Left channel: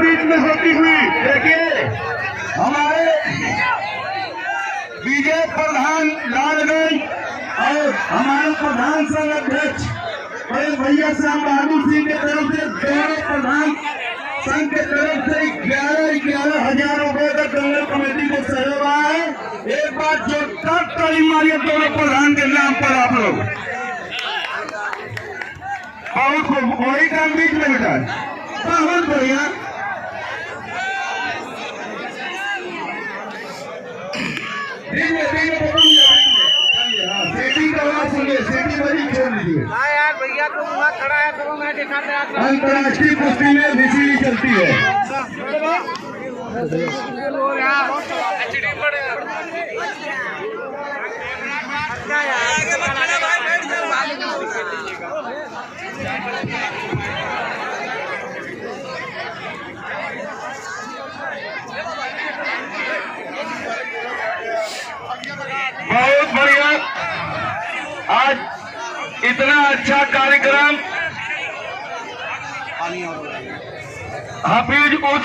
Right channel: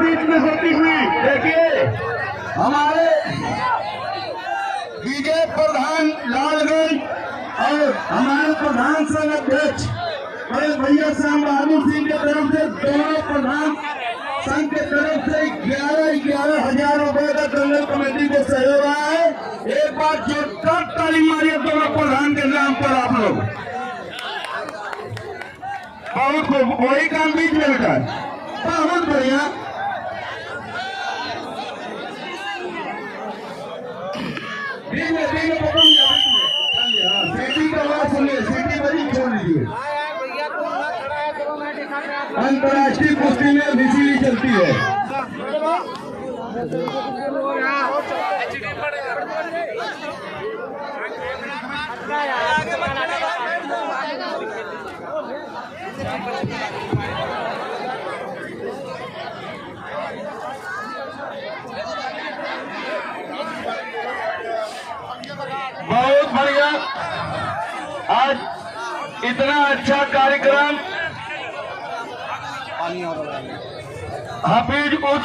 बीच में होती हुई देखिए हमारे विजय प्रधान लालगंज और हमारे प्रधान संघ अध्यक्ष भैया श्याम बहादुर सिंह के तरफ से दोनों प्रधान संघ के तरफ से 11,000 रुपए का दंगल कमेटी को सहयोग आया है। एक बार जोरदार ताली मारिए दोनों प्रधान के नाम पर आप लोग। बहुत वही काम बीच में होता है, बहुत बढ़िया। अंतर्राष्ट्रीय कुश्ती में निशी चलती है। बहुत बढ़िया। आज इतना अच्छा कार्यक्रम हाफिज उस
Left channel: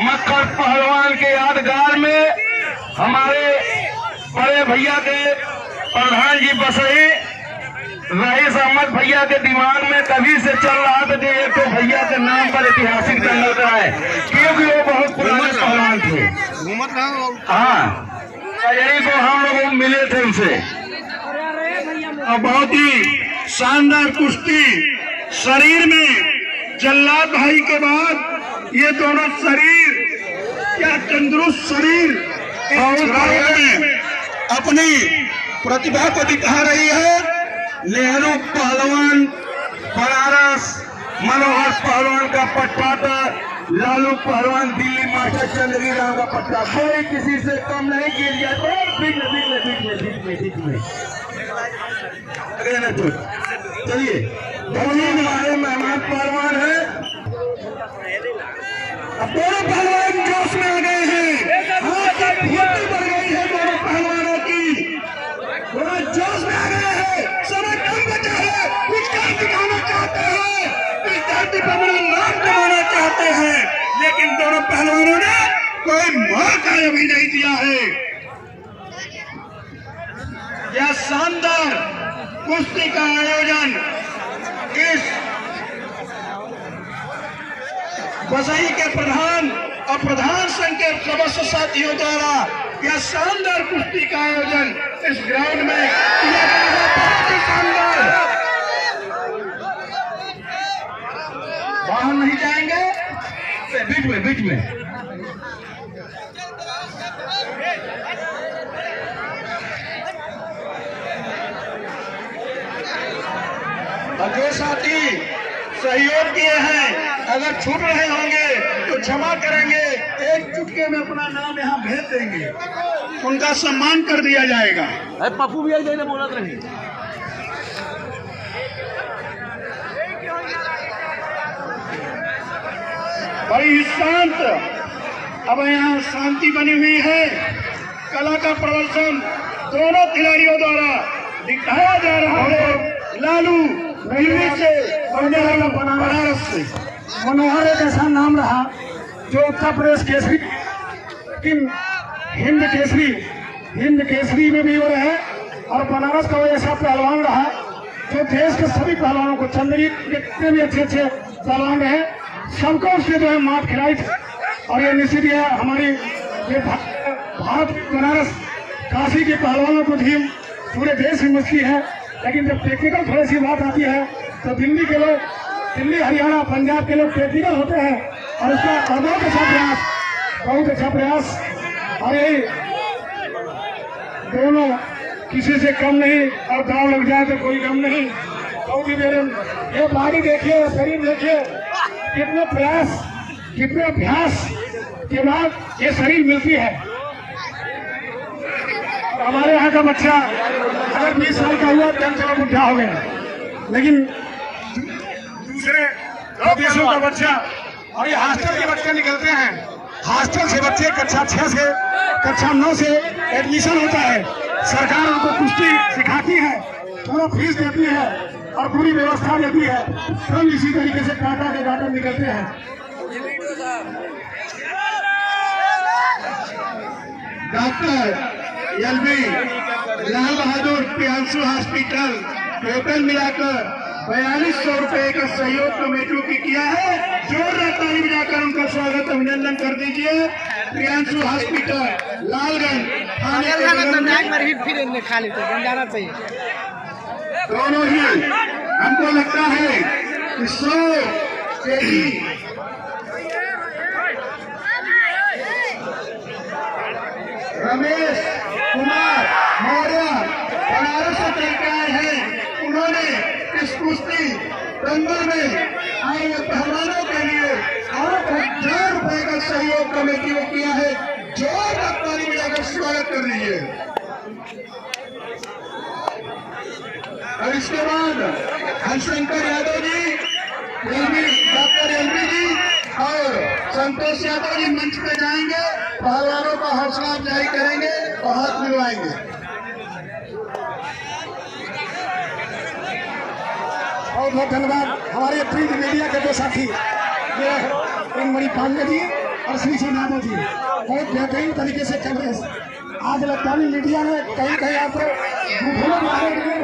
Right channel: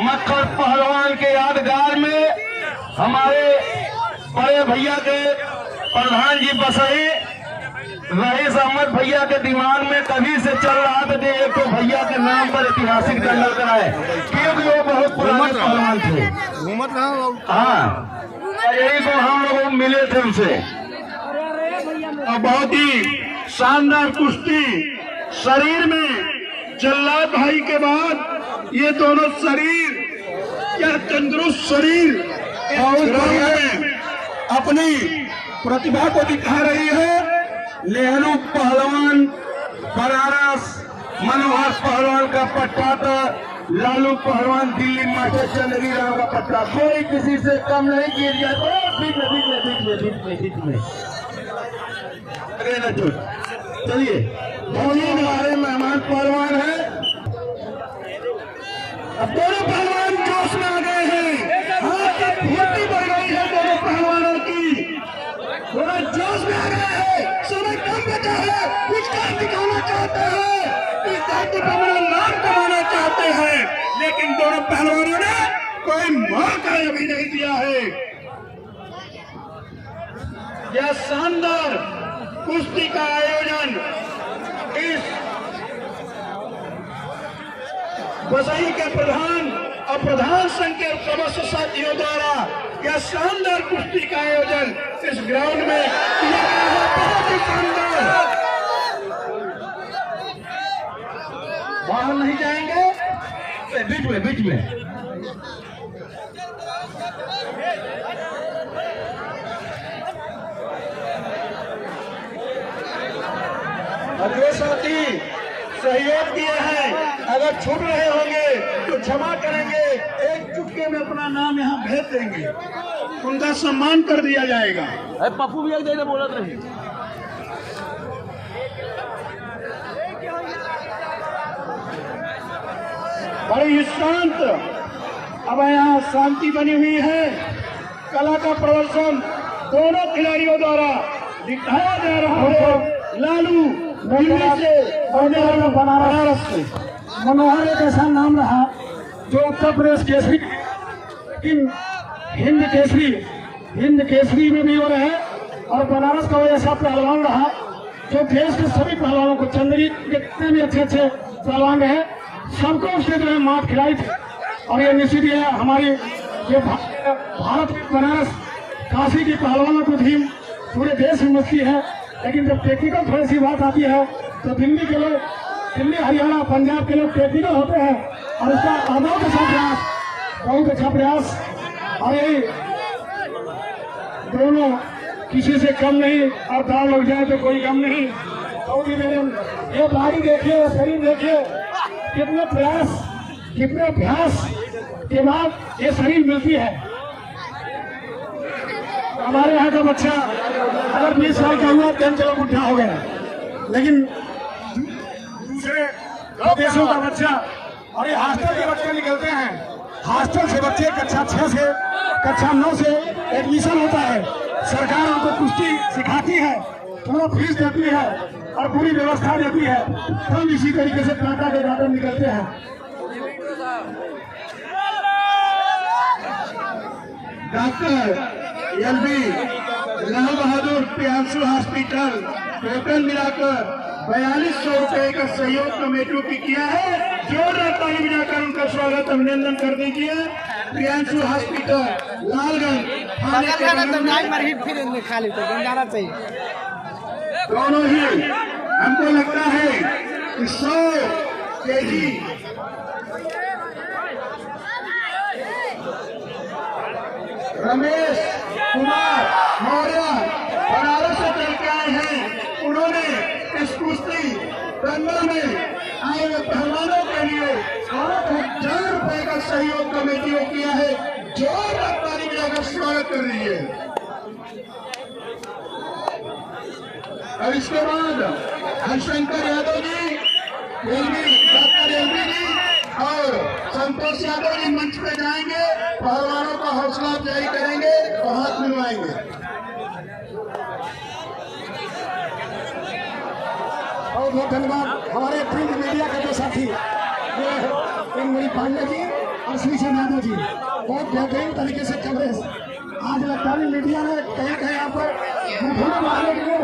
मक्खर पहलवान के यादगार में हमारे बड़े भैया के प्रधान जी बसहे रईस अहमद भैया के दिमाग में कभी से चल रहा था कि एक तो भैया के नाम पर ऐतिहासिक दंगल कराए, क्योंकि वो बहुत पुराने पहलवान थे। हाँ, यही को हम लोग मिले थे उनसे और बहुत ही शानदार कुश्ती। शरीर में जल्लाद भाई के बाद ये दोनों शरीर क्या तंदुरुस्त शरीर और अपनी प्रतिभा को दिखा रही है। नेहरू पहलवान बनारस, मनोहर पहलवान का पट्टा था, लालू पहलवान दिल्ली मास्टर चंद्रगिरी राव का पट्टा, कोई किसी से कम नहीं गिर जाता। बीच में चलिए हमारे मेहमान पहलवान है। अब दोनों पहलवान जोश में आ गए हैं, हाथ की फुर्ती बढ़ गई है दोनों पहलवानों की, दोनों जोश में आ गए हैं। समय कम बचा है, कुछ काम दिखाना चाहते हैं, इस धरती पर अपना नाम कमाना चाहते हैं, लेकिन दोनों पहलवानों ने कोई मौका अभी नहीं दिया है। यह शानदार कुश्ती का आयोजन इस बसई के प्रधान और प्रधान संघ के सदस्य साथियों द्वारा यह शानदार कुश्ती का आयोजन इस ग्राउंड में किया गया है। बहुत ही शानदार। बाहर नहीं जाएंगे, बीच में और जो साथी सहयोग दिए हैं अगर छूट रहे होंगे तो क्षमा करेंगे, एक चुटके में अपना नाम यहाँ भेज देंगे, उनका सम्मान कर दिया जाएगा। पप्पू भी देने बोला नहीं। बड़ी शांत अब यहाँ शांति बनी हुई है। कला का प्रदर्शन दोनों खिलाड़ियों द्वारा दिखाया जा रहा है। लालू दिल्ली से और नेहरू बनारस से। मनोहर एक ऐसा नाम रहा जो उत्तर प्रदेश केसरी, लेकिन हिंद केसरी में भी हो रहे हैं, और बनारस का वो ऐसा पहलवान रहा जो देश के सभी पहलवानों को, चंद्रगिरी जितने भी अच्छे पहलवान रहे सबको उसने जो है मात खिलाई थी। और ये निश्चित है हमारी ये भारत बनारस काशी के पहलवानों को भी पूरे देश में मछली है, लेकिन जब टेक्निकल थोड़ी सी बात आती है तो दिल्ली के लोग, दिल्ली हरियाणा पंजाब के लोग टेक्निकल होते हैं और उसका बहुत अच्छा प्रयास और ये दोनों किसी से कम नहीं, और दाव लग जाए तो कोई कम नहीं। बहुत ही देर ये बारी देखिए, शरीर देखिए, कितने प्रयास कितने अभ्यास के बाद ये शरीर मिलती है। हमारे यहाँ का बच्चा अगर 20 साल का हुआ तो चला बुढ़ा हो गया, लेकिन दूसरे देशों का बच्चा, और ये हॉस्टल के बच्चे निकलते हैं, हॉस्टल से बच्चे कक्षा 6 से कक्षा 9 से एडमिशन होता है, सरकार उनको कुश्ती सिखाती है, थोड़ा फीस देती है और पूरी व्यवस्था देती है, हम इसी तरीके से टाटा के गार्डन निकलते हैं। Doctor LB Lal Bahadur Priyanshu hospital total मिलाकर 4200 रुपए का सहयोग कमेटियों की किया है। जोरदार ताली बजाकर उनका स्वागत अभिनंदन कर दीजिए। प्रियांशु हॉस्पिटल लालगंज थाने के बगल में फिर खाली तो जाना चाहिए। दोनों ही हमको लगता है कि 100 केजी रमेश कुमार मौर्य बनारस से चल के आए हैं। उन्होंने इस कुश्ती दंगल में आए हुए पहलवानों के लिए 8,000 रुपए का सहयोग कमेटी ने किया है। जोरदार ताली बजाकर स्वागत कर लीजिए। और इसके बाद हरिशंकर यादव जी, डॉक्टर एलबी जी और संतोष यादव जी मंच पे जाएंगे, पहलवानों का हौसला अफजाई करेंगे और हाथ मिलवाएंगे। बहुत बहुत धन्यवाद हमारे प्रिंट मीडिया के दो साथी ये मणि पांडे जी और श्री यादव जी, बहुत बेहतरीन तरीके से चल रहे हैं। आज इलेक्ट्रॉनिक मीडिया ने कहीं कहीं आप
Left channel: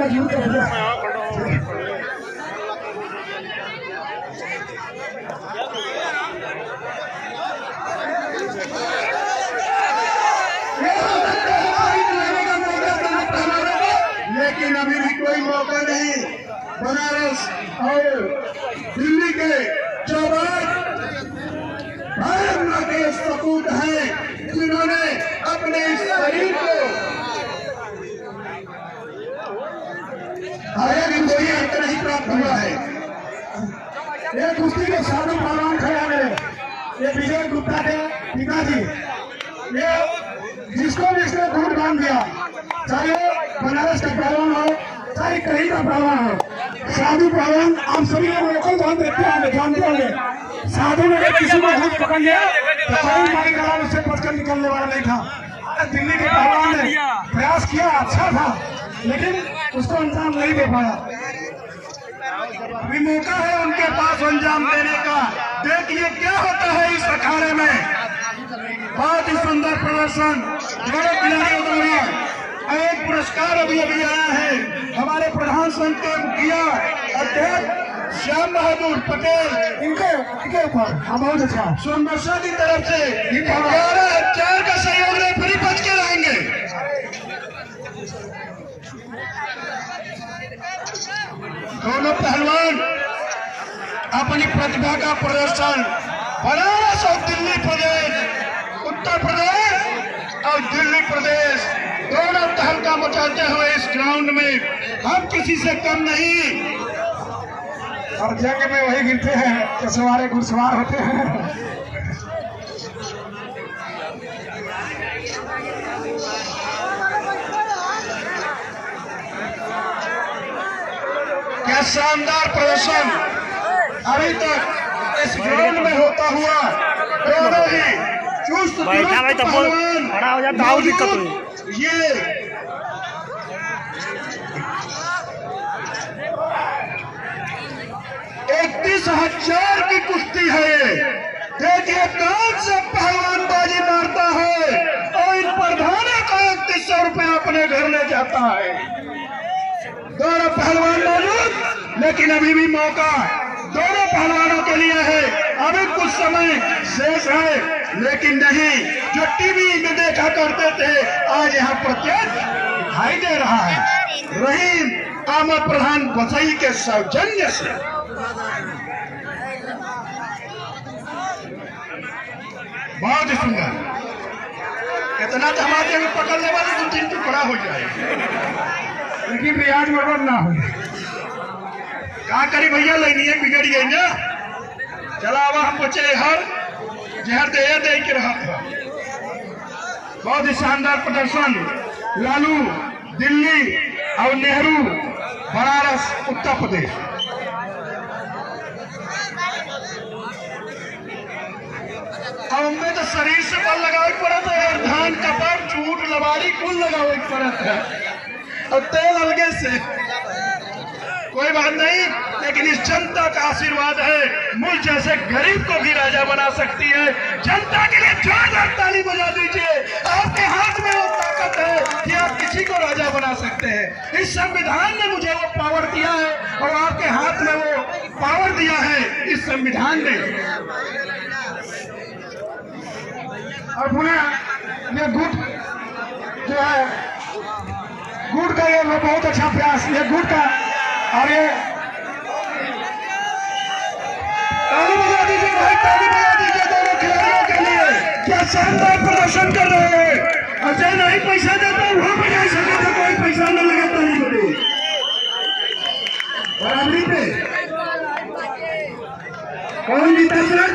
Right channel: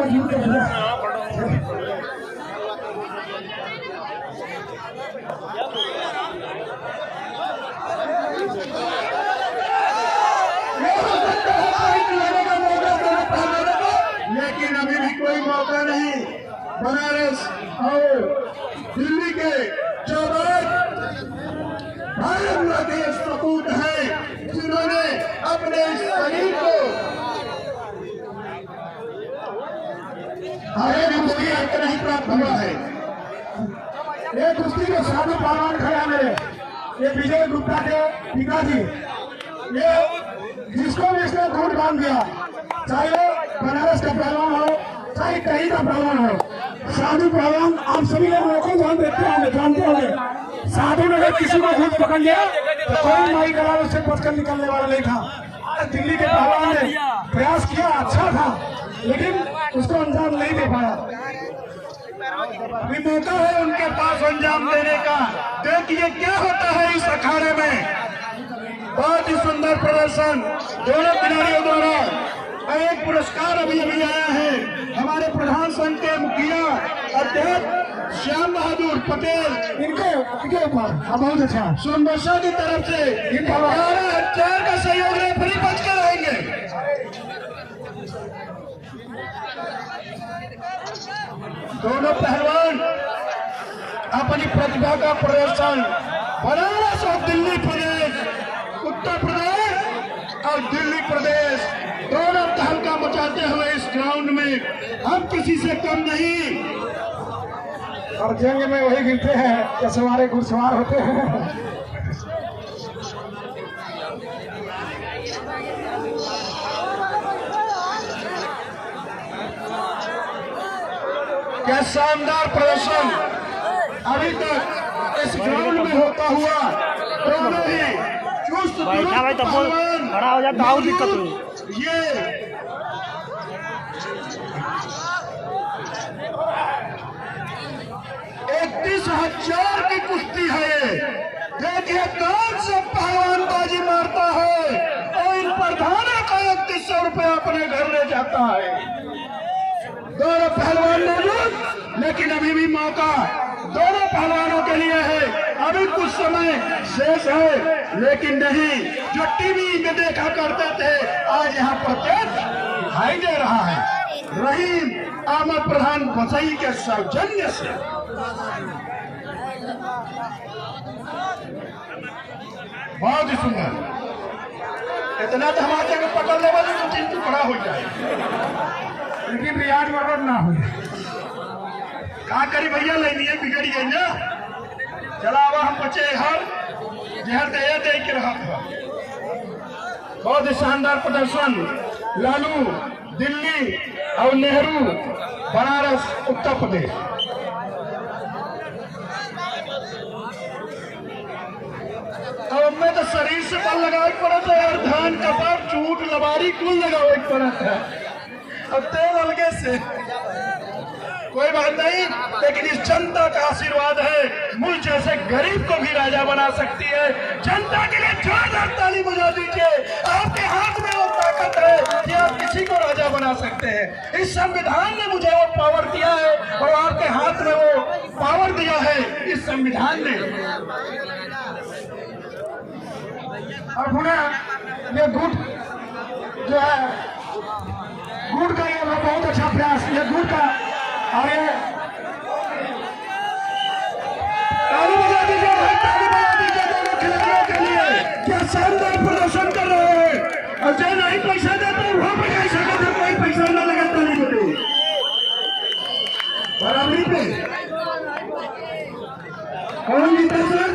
मजबूर कर दिया। लेकिन अभी भी कोई मौका नहीं। बनारस और दिल्ली के जवान भाई के सपूत हैं जिन्होंने अपने इस शरीर को कोई अंत नहीं प्राप्त हुआ है। ये कुश्ती के साधु पहलवान खड़ा मेरे, ये विजय गुप्ता के पिताजी, ये जिसको भी इसने खून बांध दिया, चाहे बनारस का पहलवान हो चाहे कहीं का पहलवान हो, साधु पहलवान आप सभी लोग लोकल जान देते होंगे, जानते होंगे। साधु ने अगर किसी को खून पकड़ लिया तो कोई मारी गला उससे बचकर निकलने वाला नहीं था। आज दिल्ली के पहलवान ने प्रयास किया, अच्छा था, लेकिन उसको अंजाम नहीं दे पाया। अभी मौका है उनके पास अंजाम देने का। देखिए क्या होता है इस अखाड़े में। बहुत ही सुंदर प्रदर्शन दोनों खिलाड़ियों द्वारा। एक पुरस्कार अभी आया है हमारे प्रधान संघ के मुखिया अध्यक्ष श्याम बहादुर पटेल, इनके ऊपर बहुत अच्छा सोनबरसा की तरफ से 11,000 का सहयोग रेफरी बच के रहेंगे। दोनों पहलवान अपनी प्रतिभा का प्रदर्शन बनारस और दिल्ली प्रदेश, उत्तर प्रदेश और दिल्ली प्रदेश दोनों तहलका मचाते हुए इस ग्राउंड में हम किसी से कम नहीं। और जंग में वही गिरते हैं जो सवारे घुड़सवार होते हैं। क्या शानदार प्रदर्शन अभी तक इस ग्राउंड में होता हुआ। बैठा भाई तब खड़ा हो जाता और दिक्कत हुई। ये 31,000 की कुश्ती है। ये देखिए कौन सा पहलवान बाजी मारता है और इन प्रधानों का 3100 रुपया अपने घर में जाता है। दोनों पहलवान मौजूद, लेकिन अभी भी मौका दोनों पहलवानों के लिए है। अभी कुछ समय शेष है, लेकिन नहीं जो टीवी में देखा करते थे आज यहाँ प्रत्यक्ष दिखाई दे रहा है। रहीम अहमद प्रधान गोसाई के सौजन्य से बहुत ही सुंदर। इतना धमाके में पकड़ लेगा तो 2-3 टुकड़ा हो जाए, लेकिन रियाज मगर ना हो। क्या करी भैया, लेनी बिगड़ गई ना। चला अब हम बचे हर जहर दे के रहा था। बहुत ही शानदार प्रदर्शन। लालू दिल्ली और नेहरू बनारस उत्तर प्रदेश। अब हमें तो शरीर से बल लगावे पड़ता है, धान कपार चूट लबारी कुल लगावे पड़ता है और तेल अलगे से कोई बात नहीं, लेकिन इस जनता का आशीर्वाद है, मुझ जैसे गरीब को भी राजा बना सकती है। जनता के लिए जोरदार ताली बजा दीजिए। आपके हाथ में वो ताकत है कि आप किसी को राजा बना सकते हैं। इस संविधान ने मुझे वो पावर दिया है और आपके हाथ में वो पावर दिया है इस संविधान ने। और पुनः ये गुट जो है, गुट का ये बहुत अच्छा प्रयास, ये गुट का आगे ताली बजा दीजिए भाई, ताली बजा दीजिए दोनों खिलाड़ियों के लिए। क्या शानदार प्रदर्शन कर रहे हैं। और जो नहीं पैसा देता है वो भी नहीं सकता, कोई पैसा न लगे ताली बजे बराबरी पे। कौन जीता सर?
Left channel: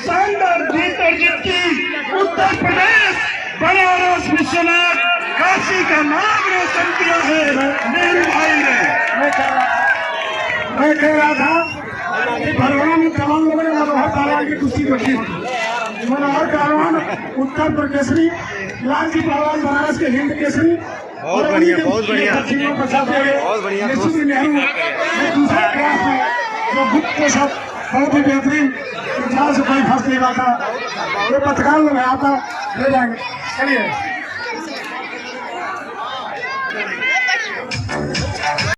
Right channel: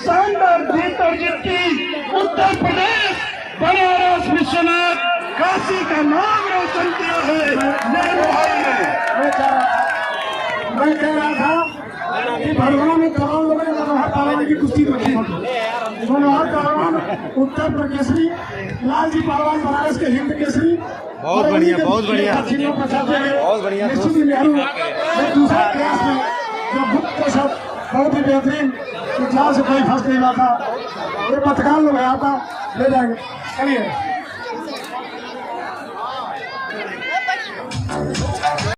शानदार जीत और जीतती उत्तर प्रदेश, बनारस विश्वनाथ काशी का नाम रोशन किया है नेहरू भाई ने। मैं कह रहा था पहलवान में तमाम लोगों ने मनोहर पहलवान की कुश्ती देखी। मनोहर पहलवान उत्तर प्रदेश केसरी, लालजी पहलवान बनारस के हिंद केसरी। बहुत बढ़िया, बहुत बढ़िया, बहुत बढ़िया। नेहरू ने दूसरे क्लास में जो गुप्त के साथ बहुत ही बेहतरीन, जहाँ से कोई फंस नहीं रहा था, वो पत्रकार लोग आता ले जाएंगे। चलिए।